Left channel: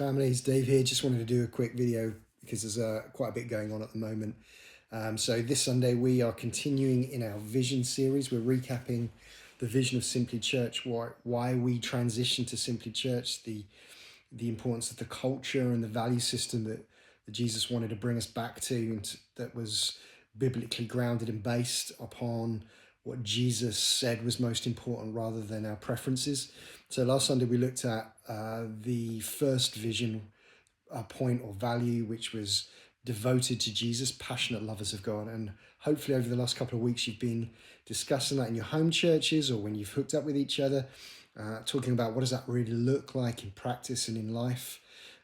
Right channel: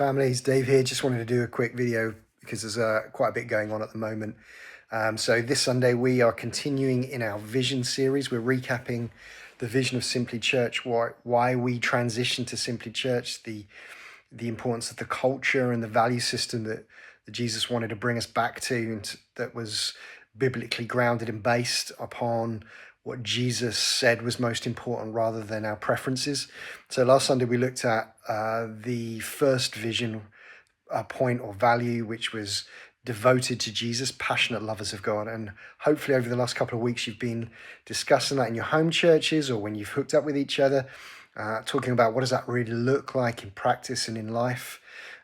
family. It's Dave here. Just wanted to do a quick video because there's quite a bit going on at the moment. So this Sunday we are continuing in our vision series. We're recapping the vision of Simply Church, why we transitioned to Simply Church, the importance of the culture and the value system that Jesus wanted to bring us back to, and that was biblically grounded and based upon what Jesus said was most important rather than our preferences. So last Sunday we looked at the first vision point or value, which was devoted to Jesus, passionate lovers of God. And hopefully over the last couple of weeks you've been discussing that in your home churches or when you've hooked up with each other, talking about what does that really look like in practice and in life.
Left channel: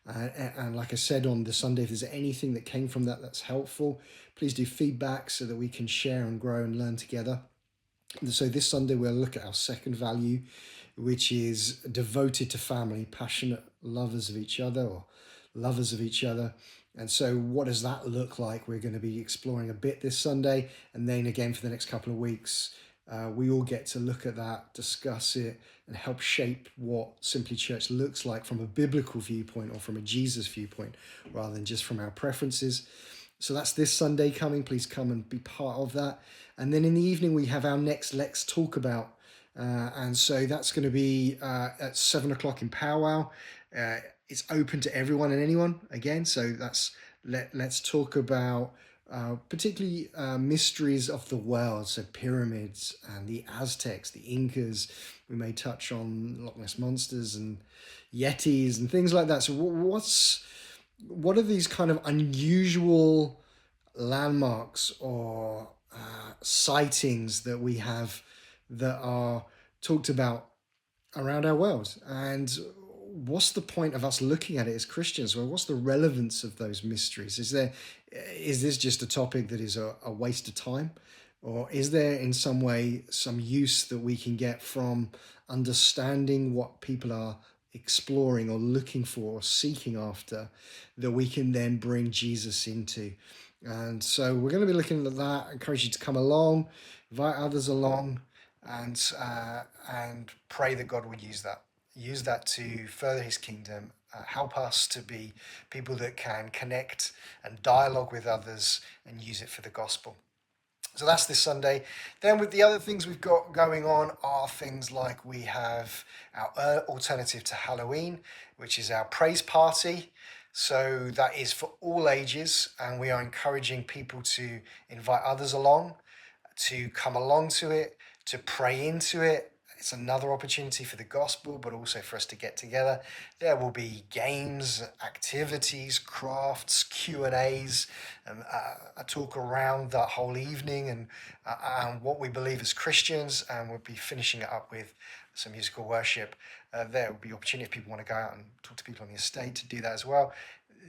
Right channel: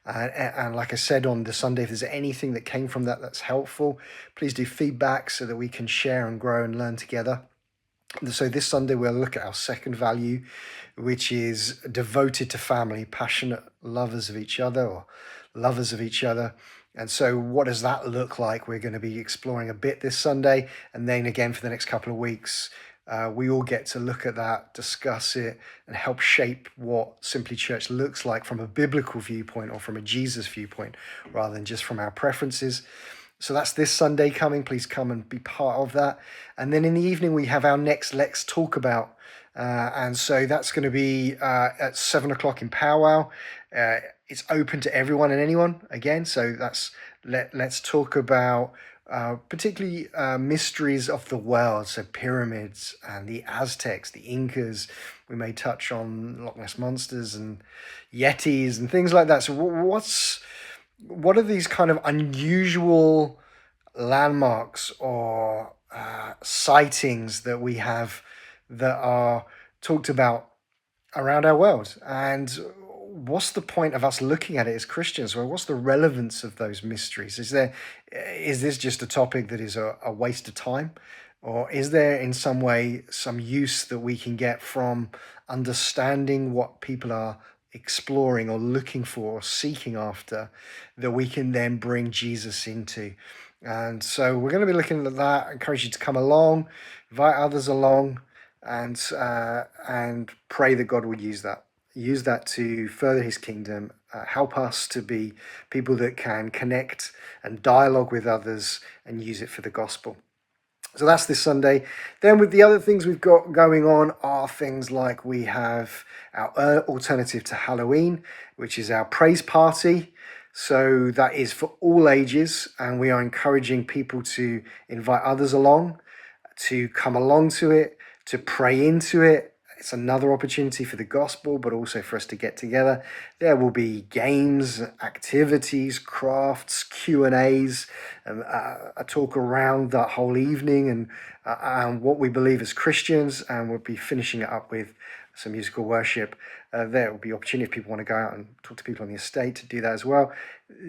And like I said on the Sunday, if there's anything that came from that that's helpful, please do feedback so that we can share and grow and learn together. So this Sunday we'll look at our second value, which is devoted to family, passionate lovers of each other or lovers of each other. And so what does that look like? We're going to be exploring a bit this Sunday, and then again for the next couple of weeks, we all get to look at that, discuss it, and help shape what Simply Church looks like from a biblical viewpoint or from a Jesus viewpoint, rather than just from our preferences. So that's this Sunday coming. Please come and be part of that. And then in the evening, we have our next Let's Talk About. And so that's going to be at 7 o'clock in Powwow. It's open to everyone and anyone again. So that's let's talk about particularly mysteries of the world. So pyramids and the Aztecs, the Incas. We may touch on Loch Ness monsters and Yetis and things like that. So what are these kind of unusual landmarks or sightings that we have that are talked about around our world? And what's the point of us looking at it as Christians? Well, what's the relevance of those mysteries? Is this just a topic that is a waste of time? Or is there in some way some use that we can get from understanding what people are exploring or looking for or seeking after, that we can then bring Jesus into? And so we're going to be looking at that. I encourage you to come along, invite others along, and pray that God would use that to further his kingdom, help us to be people that can connect and dialogue with others and use it for the gospel. So that's this Sunday. Then with the other things we've got going on are things like we have our alternative to Halloween, which is our praise party. So that is for all ages, and we are encouraging people to invite others along, to come along to it, to pray into it. It's another opportunity for the gospel, but also for us to get together. There will be games, activities, crafts, Q&As, a talk around that whole evening and what we believe as Christians, and we'll be finishing it up with some musical worship. There will be opportunity if people want to go out and talk to people on the estate to do that as well.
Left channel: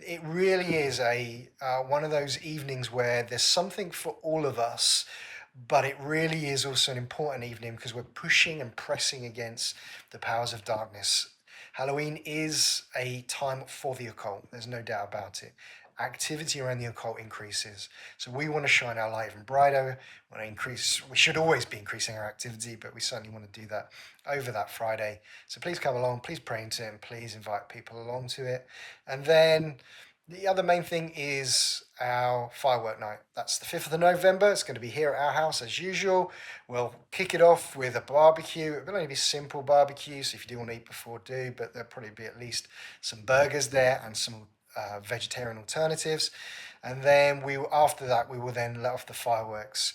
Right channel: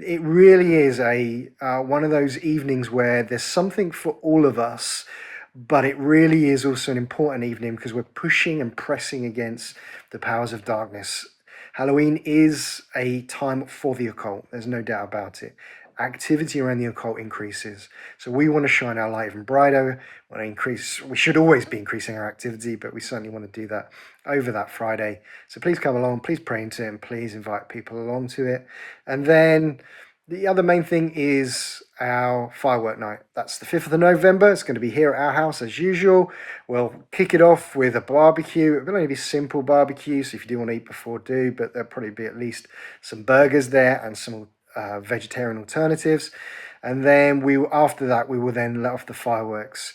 It really is one of those evenings where there's something for all of us, but it really is also an important evening because we're pushing and pressing against the powers of darkness. Halloween is a time for the occult. There's no doubt about it. Activity around the occult increases. So we want to shine our light even brighter. We should always be increasing our activity, but we certainly want to do that over that Friday. So please come along, please pray into it, and please invite people along to it. And then the other main thing is our firework night. That's the 5th of November. It's going to be here at our house as usual. We'll kick it off with a barbecue. It will only be simple barbecue, so if you do want to eat before, do, but there'll probably be at least some burgers there and some vegetarian alternatives. And then after that, we will then let off the fireworks.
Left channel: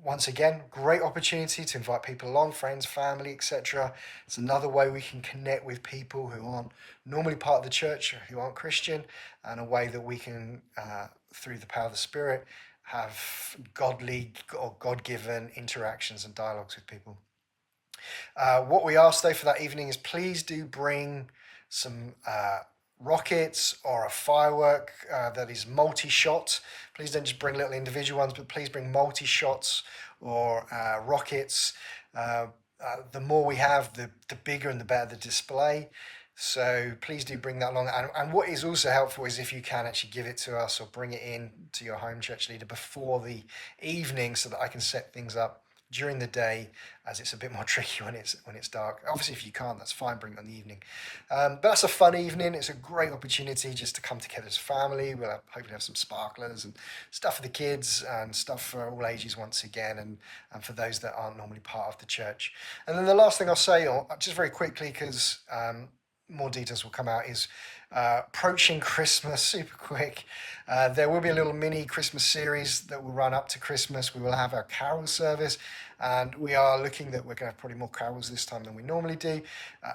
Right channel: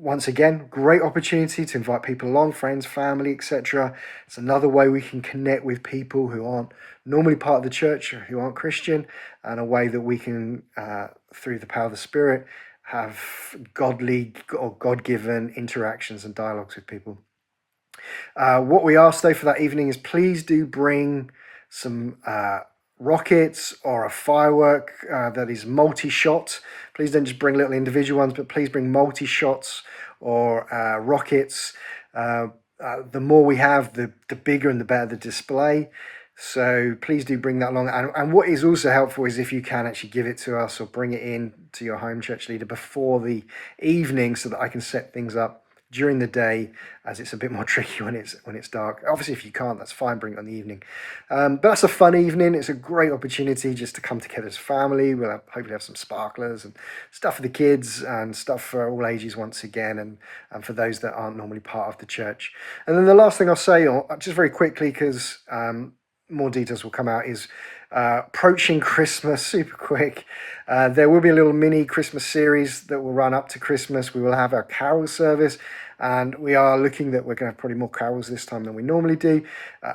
Once again, great opportunity to invite people along, friends, family, etc. It's another way we can connect with people who aren't normally part of the church, or who aren't Christian, and a way that we can, through the power of the Spirit, have godly or God-given interactions and dialogues with people. What we ask, though, for that evening is please do bring some rockets or a firework that is multi-shot. Please don't just bring little individual ones, but please bring multi-shots or rockets. The more we have, the bigger and the better the display. So please do bring that along. And what is also helpful is if you can actually give it to us or bring it in to your home church leader before the evening so that I can set things up during the day, as it's a bit more tricky when it's dark. Obviously, if you can't, that's fine, bring it on the evening. But that's a fun evening. It's a great opportunity just to come together as family. We'll hopefully have some sparklers and stuff for the kids and stuff for all ages once again, and for those that aren't normally part of the church. And then the last thing I'll say, or just very quickly, because more details will come out, is approaching Christmas super quick. There will be a little mini Christmas series that will run up to Christmas. We will have our carol service, and we are looking that we're going to have probably more carols this time than we normally do.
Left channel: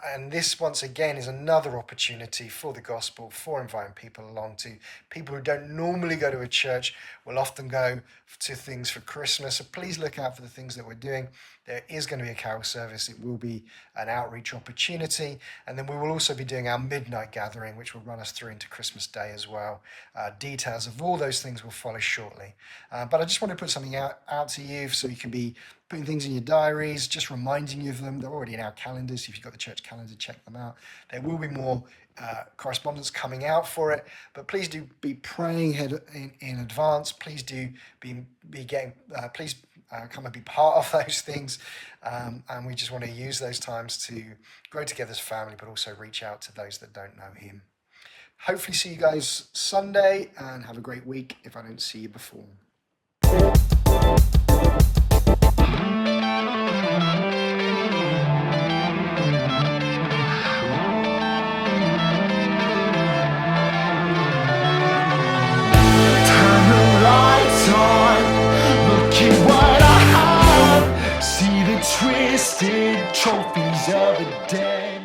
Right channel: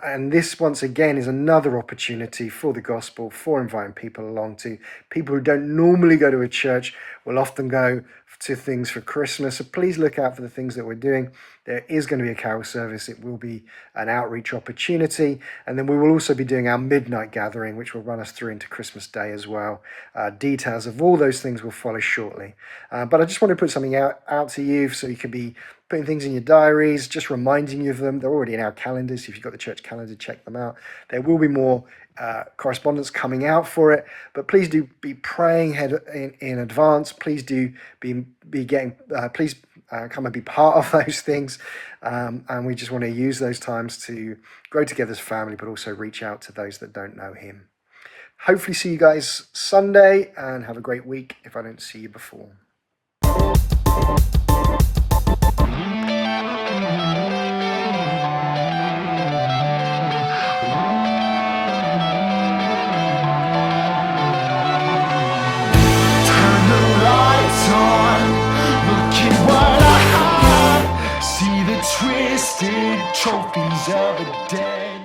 And this, once again, is another opportunity for the gospel, for inviting people along. To people who don't normally go to a church will often go to things for Christmas. So please look out for the things that we're doing. There is going to be a carol service. It will be an outreach opportunity. And then we will also be doing our midnight gathering, which will run us through into Christmas Day as well. Details of all those things will follow shortly. But I just want to put something out to you so you can be putting things in your diaries, just reminding you of them. They're already in our calendars. If you've got the church calendar, check them out. There will be more correspondence coming out for it, but please do be praying in advance. Please do be getting, please come and be part of those things. And we just want to use those times to grow together as family, but also reach out to those that don't know him. Hopefully see you guys Sunday, and have a great week if I don't see you before. Turn the lights on, look at what I have. See the twisted trophies of a dead